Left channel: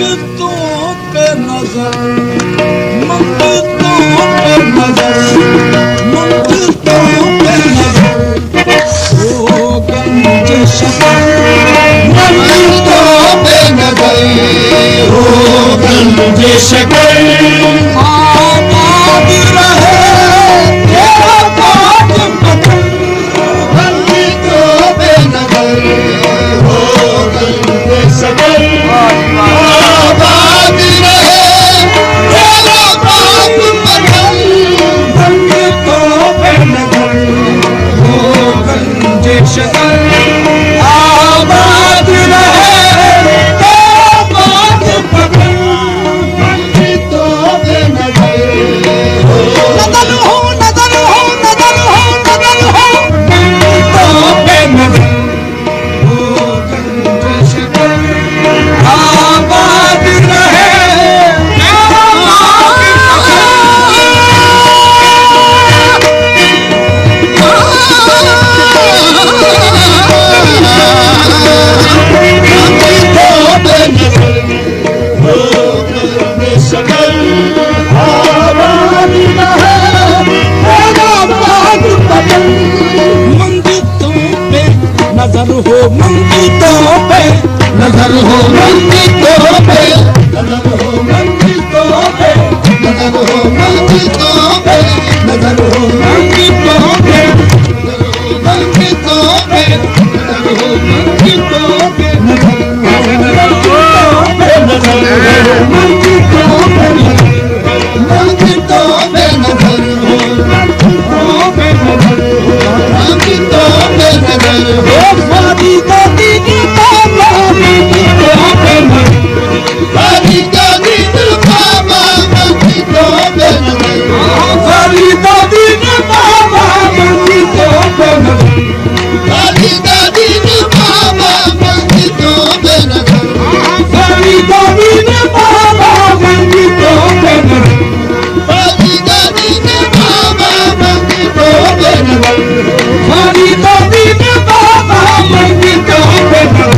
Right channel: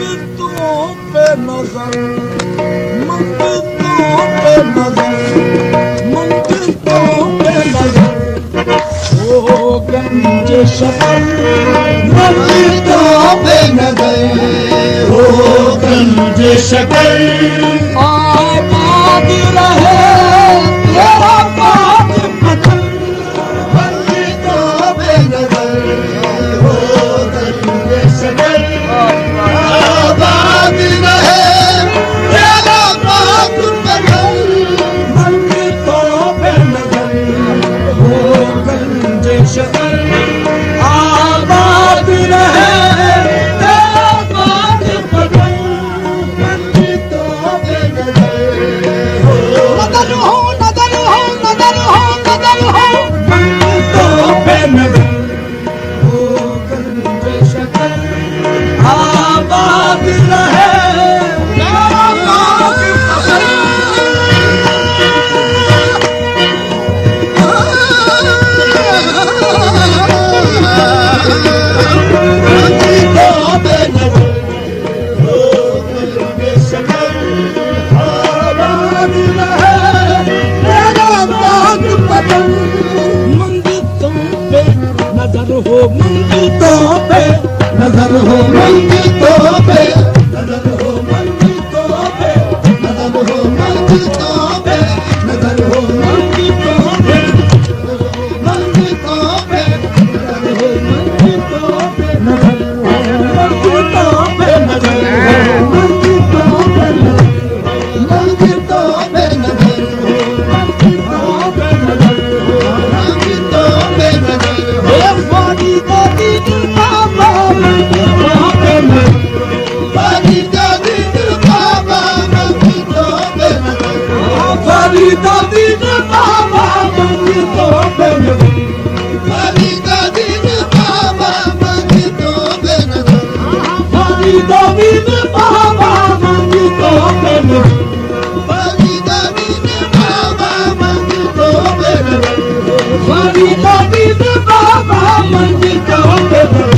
मंगतों पे नजर, मंगतों पे नजर, मंगतों पे नजर, ओ गंज शफर मंगतों पे नजर, ओ गंज शफर आबाद रहे तेरा पाक पतन मंगतों पे नजर, ओ गंज शफर आबाद रहे तेरा पाक पतन मंगतों पे नजर, ओ गंज शफर आबाद रहे तेरा पाक पतन मंगतों पे नजर, नजर हो नजर हो नजर हो नजर हो मंगतों पे नजर, ओ गंज शफर आबाद रहे तेरा पाक पतन नजर हो मंगतों पे नजर हो मंगतों पे नजर हो मंगतों पे नजर हो मंगतों पे नजर हो मंगतों पे नजर हो मंगतों पे नजर हो मंगतों पे नजर हो मंगतों पे मंगतों पे नजर हो फादी दादी ने बाबा मंगतों पे नजर, फादी दादी ने बाबा मंगतों पे नजर, फादी दादी ने बाबा मंगतों पे नजर, फादी दादी ने बाबा मंगतों पे नजर, फादी दादी ने बाबा मंगतों पे नजर, फादी दादी ने बाबा मंगतों पे नजर, फादी दादी ने बाबा मंगतों पे नजर,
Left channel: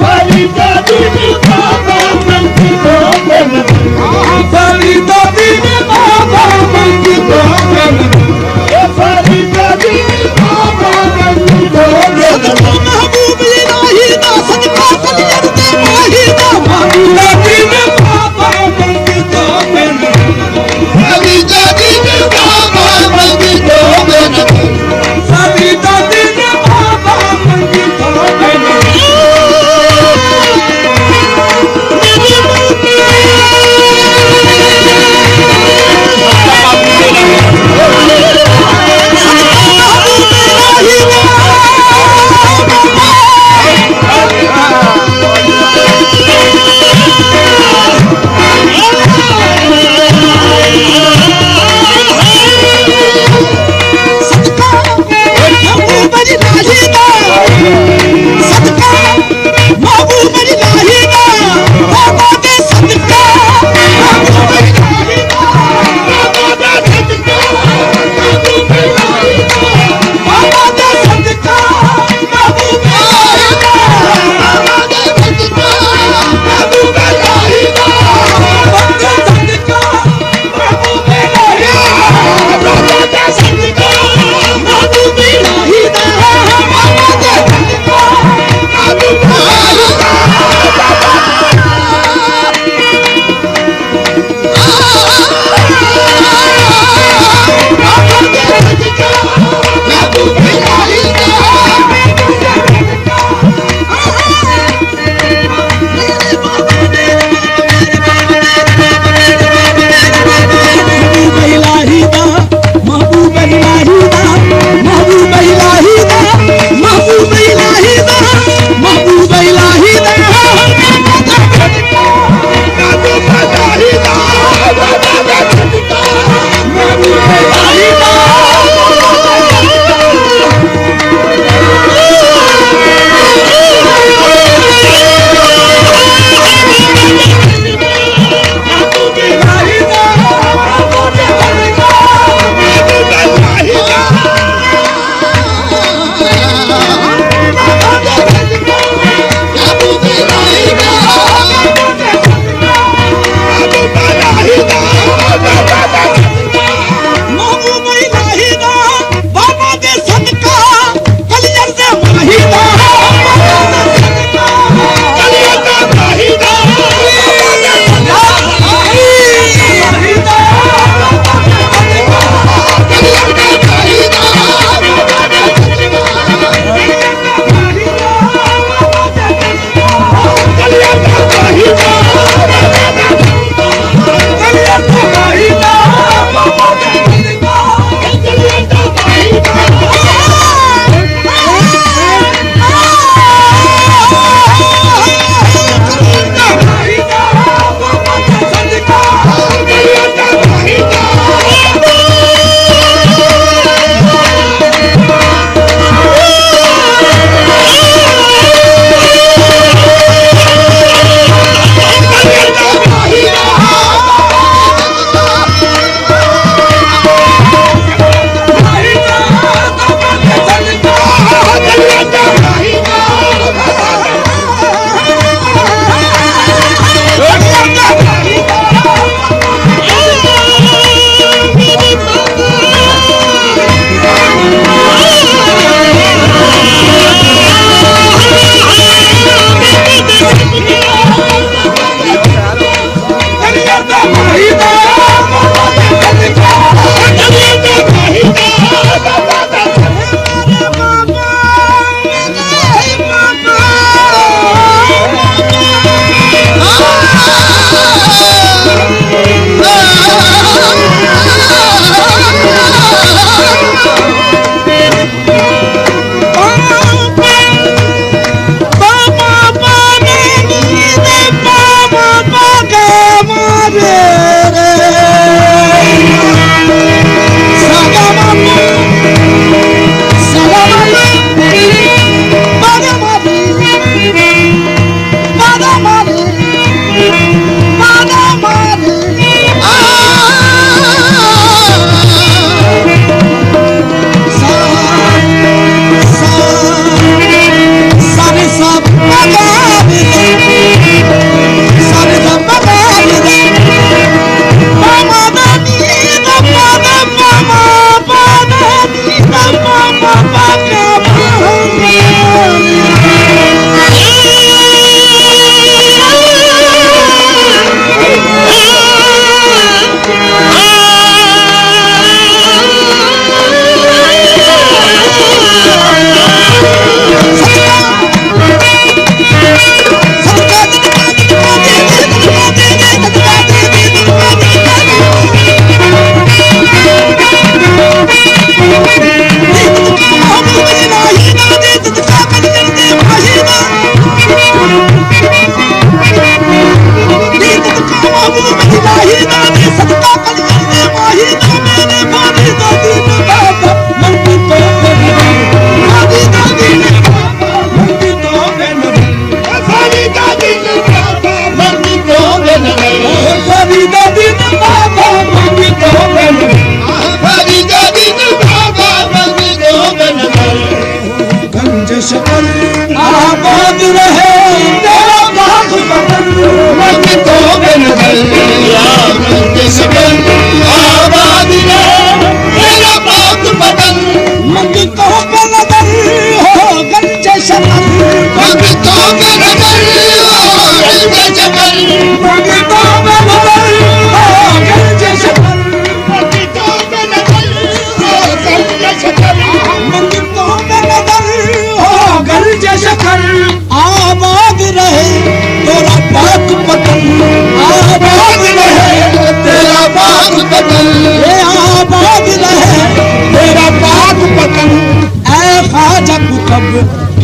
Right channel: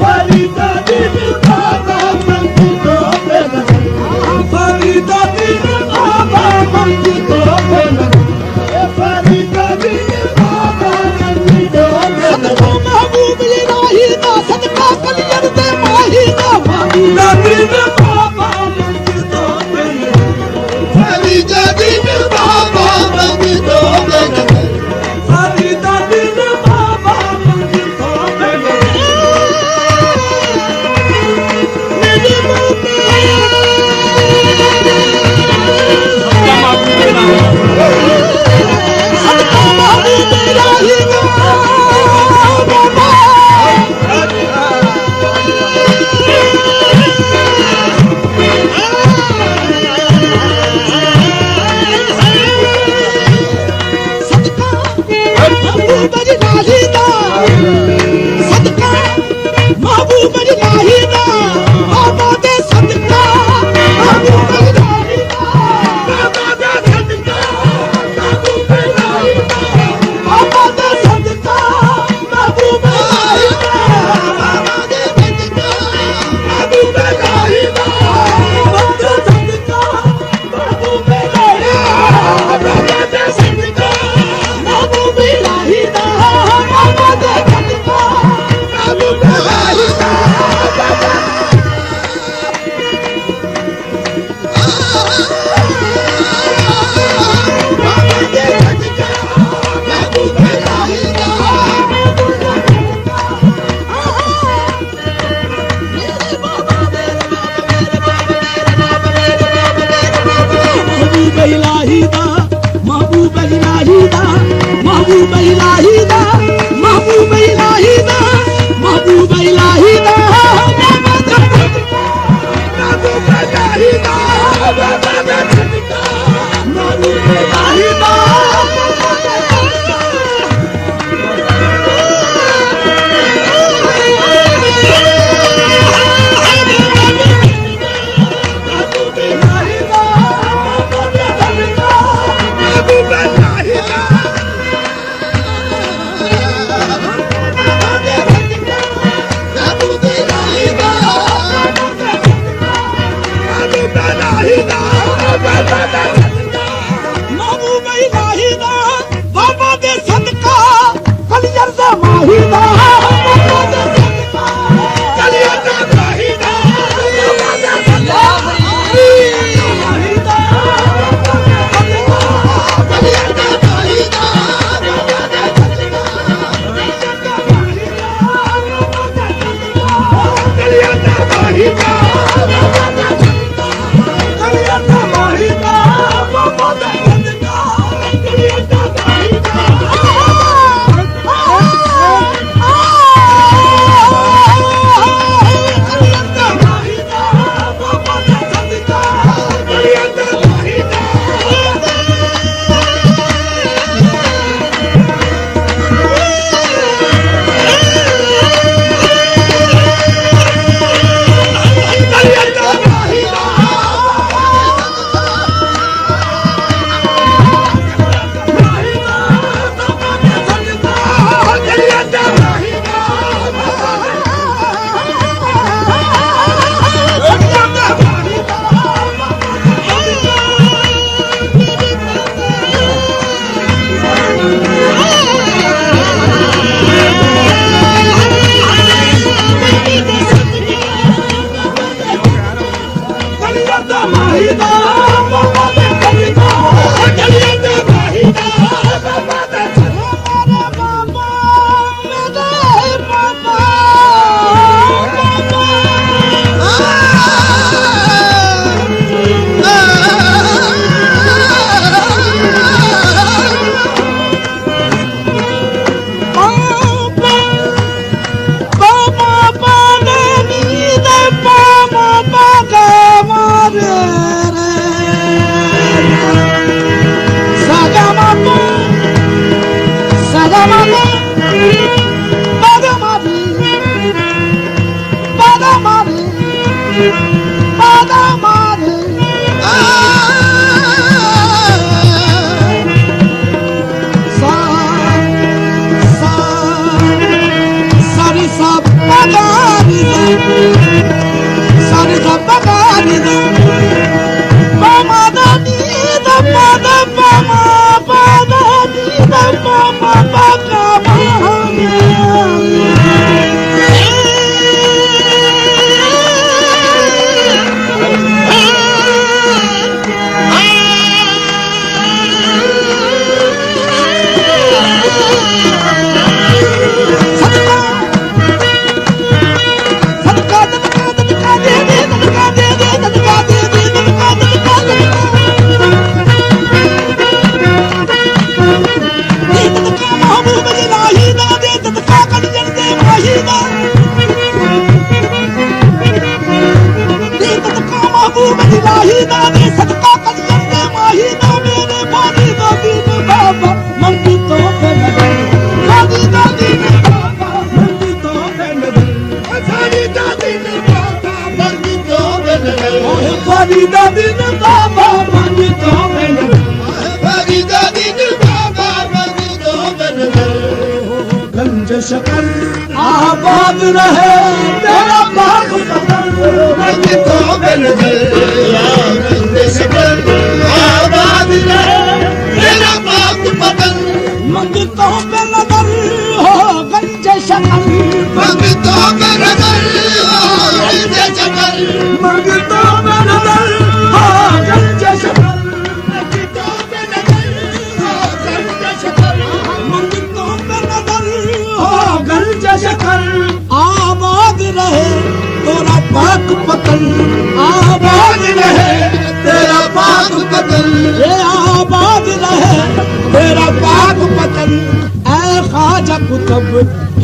फादी दादी ने बाबा मंगतों पे नजर, फादी दादी ने बाबा मंगतों पे नजर, फादी दादी ने बाबा मंगतों पे नजर, महबूब इलाही दा सदका कलियर दे माही दा फादी दादी ने बाबा मंगतों पे नजर, फादी दादी ने बाबा मंगतों पे नजर, फादी दादी ने बाबा मंगतों पे नजर, मेरी रूपी सदका महबूब इलाही दा सदका महबूब इलाही दा सदका महबूब इलाही दा बाबा दे सदका महबूब इलाही दा बाबा दे सदका महबूब इलाही दा बाबा दे सदका महबूब इलाही दा बाबा दे सदका महबूब इलाही दा बाबा दे सदका महबूब इलाही दा बाबा दे सदका महबूब इलाही दा बाबा दे सदका महबूब इलाही दा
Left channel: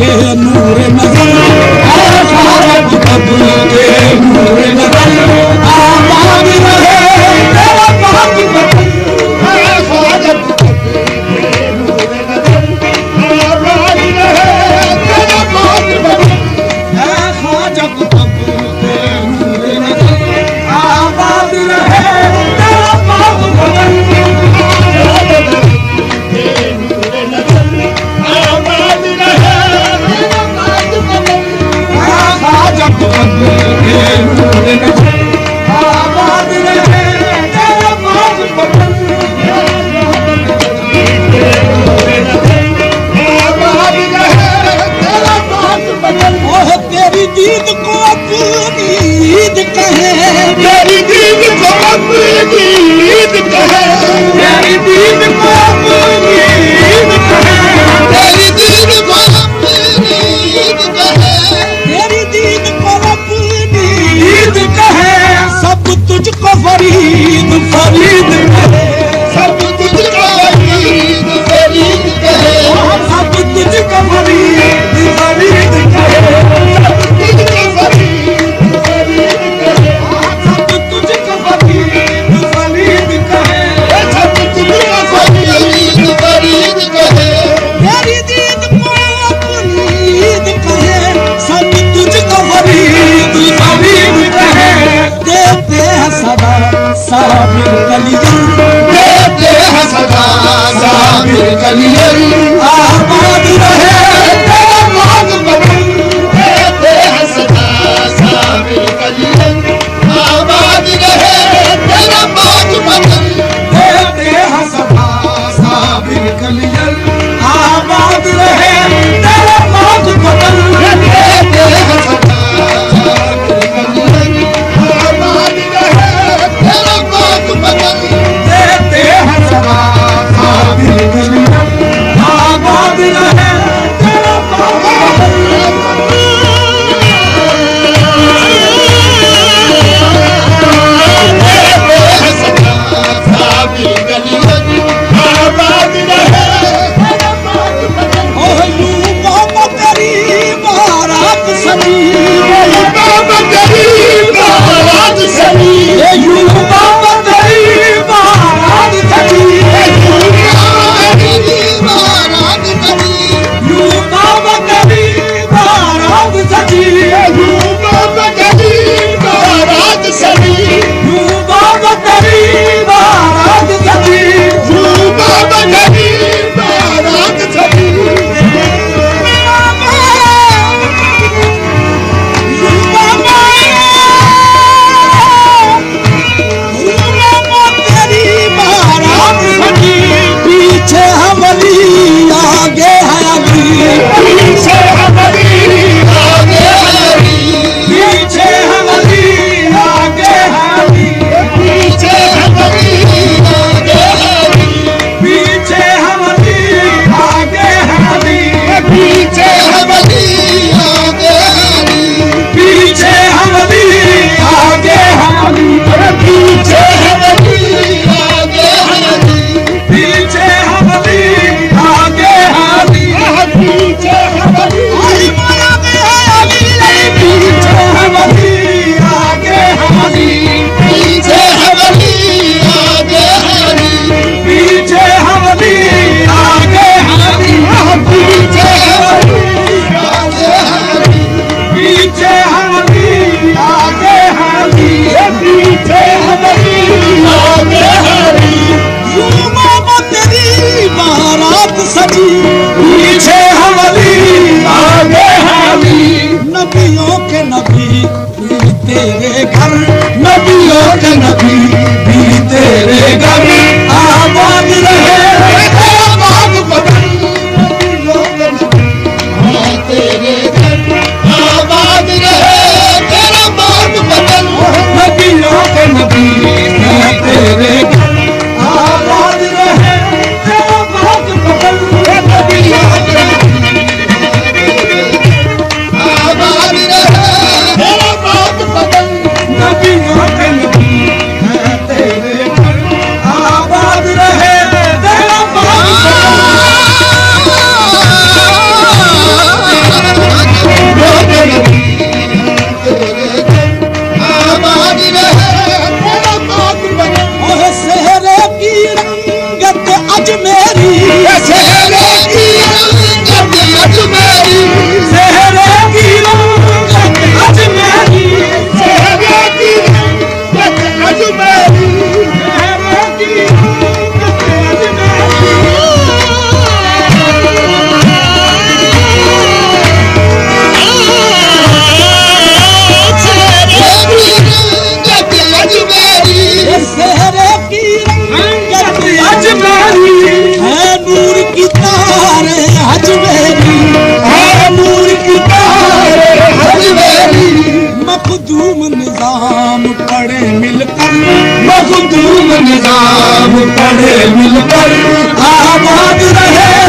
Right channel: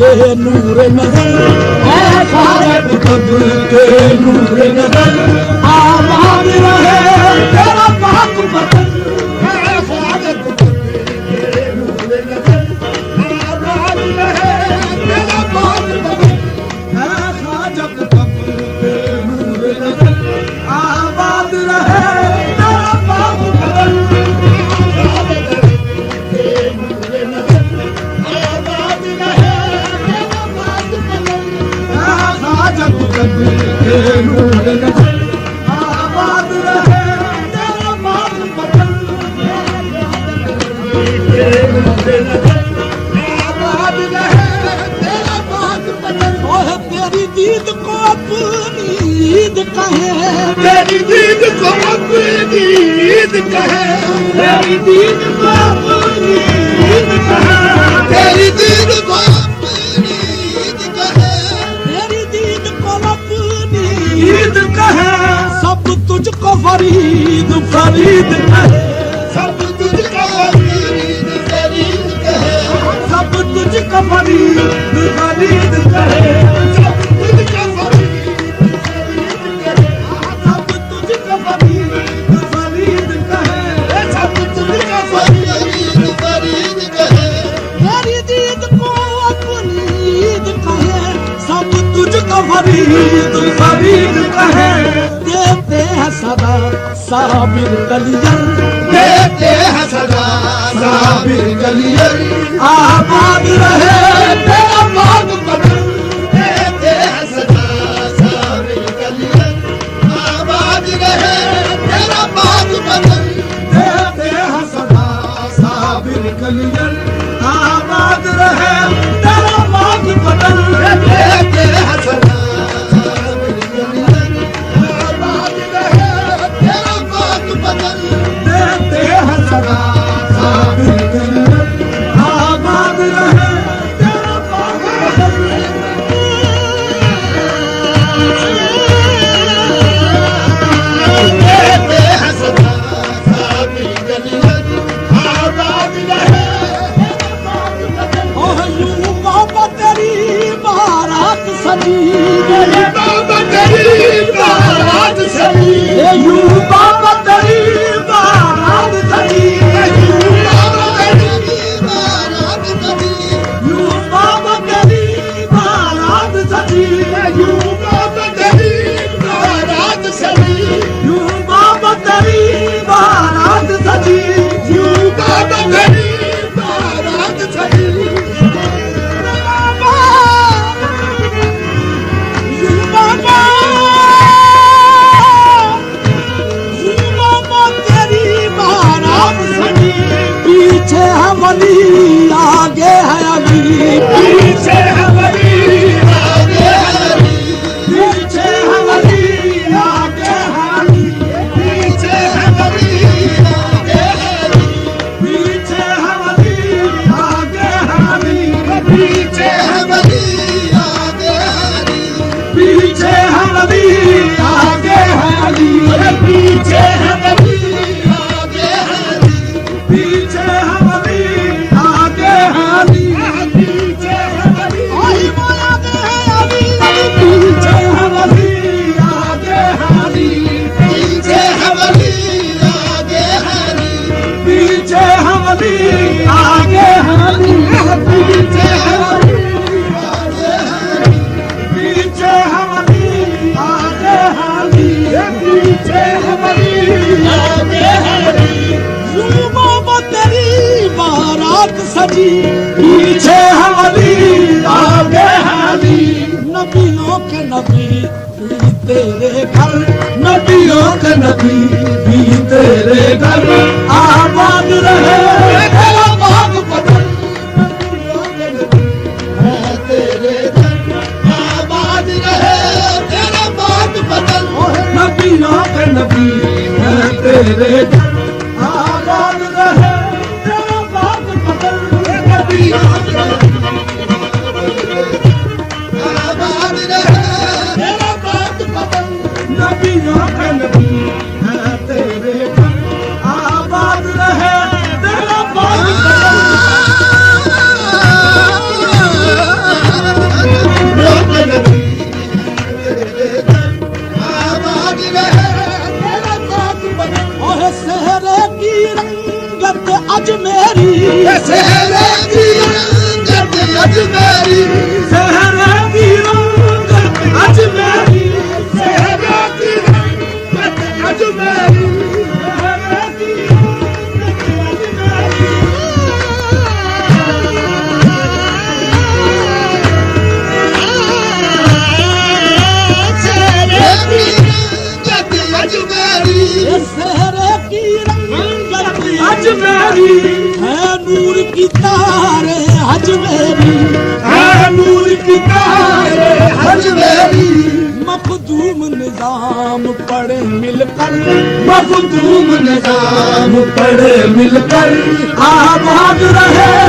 के नूर नजर, ऐसा जब तब के नूर नजर, आबाद रहे तेरा पाक वतन, ऐसा जब तब के नूर नजर, आबाद रहे तेरा पाक वतन, ऐसा जब तब के नूर नजर, आबाद रहे तेरा पाक वतन, तेरी दीद को अपनी ईद कहे, तेरी दीद को अपनी ईद कहे, तेरी दीद को अपनी ईद कहे, तेरी दीद को अपनी ईद कहे, तेरी दीद को अपनी ईद कहे, सब तुझको फरीद फरीद कहे, सब तुझको फरीद फरीद कहे, सब तुझको फरीद फरीद कहे, साबिर कलियर देते हैं सदा, साबिर कलियर आबाद रहे तेरा पाक वतन, देते हैं सदा, साबिर कलियर आबाद रहे तेरा पाक वतन, देते हैं सदा, साबिर कलियर आबाद रहे तेरा पाक वतन, देते हैं सदा, साबिर कलियर आबाद रहे तेरा पाक वतन, देते हैं सदा, साबिर कलियर आबाद रहे तेरा पाक वतन, देते हैं सदा, साबिर कलियर आबाद रहे तेरा पाक वतन। ओह यूं मोहब्बत तेरी बारात सजी, मोहब्बत तेरी बारात सजी, यूं मोहब्बत तेरी बारात सजी, यूं मोहब्बत तेरी बारात सजी, यूं मोहब्बत तेरी बारात सजी, यूं मोहब्बत तेरी बारात सजी, यूं मोहब्बत तेरी बारात सजी, पीछे हम अली आगे है अली, पीछे हम अली आगे है अली, पीछे हम अली आगे है अली, पीछे हम अली आगे है अली, पीछे हम अली आगे है अली, पीछे हम अली आगे है अली, पीछे हम अली आगे है अली, पीछे हम अली आगे है अली, पीछे हम अली आगे है अली, पीछे हम अली आगे है अली, पीछे हम अली आगे है अली, पीछे हम अली आगे है अली, पीछे हम अली आगे है अली, पीछे हम अली आगे है अली, पीछे हम अली आगे है अली, यूं मोहब्बत तेरी बारात सजी, पीछे हम अली आगे है अली, नबियों के नबी भी तेरे घर, नबियों के नबी भी तेरे घर, आबाद रहे तेरा पाक वतन, नबियों के नबी भी तेरे घर, आबाद रहे तेरा पाक वतन, नबियों के नबी है तेरे घर, आबाद रहे तेरा पाक वतन, नबियों के नबी आबाद रहे तेरा पाक वतन, नबियों के नबी है तेरे घर, आबाद सेहरे की रंगत अजमेरी, सेहरे की रंगत अजमेरी, सेहरे की रंगत अजमेरी, सेहरे की रंगत अजमेरी। सेहरे की रंगत अजमेरी है नूर की तारे अजमेरी, है नूर की तारे अजमेरी, मखदूम निजाम पढ़े मिलकर, मखदूम निजाम पढ़े मिलकर, आबाद रहे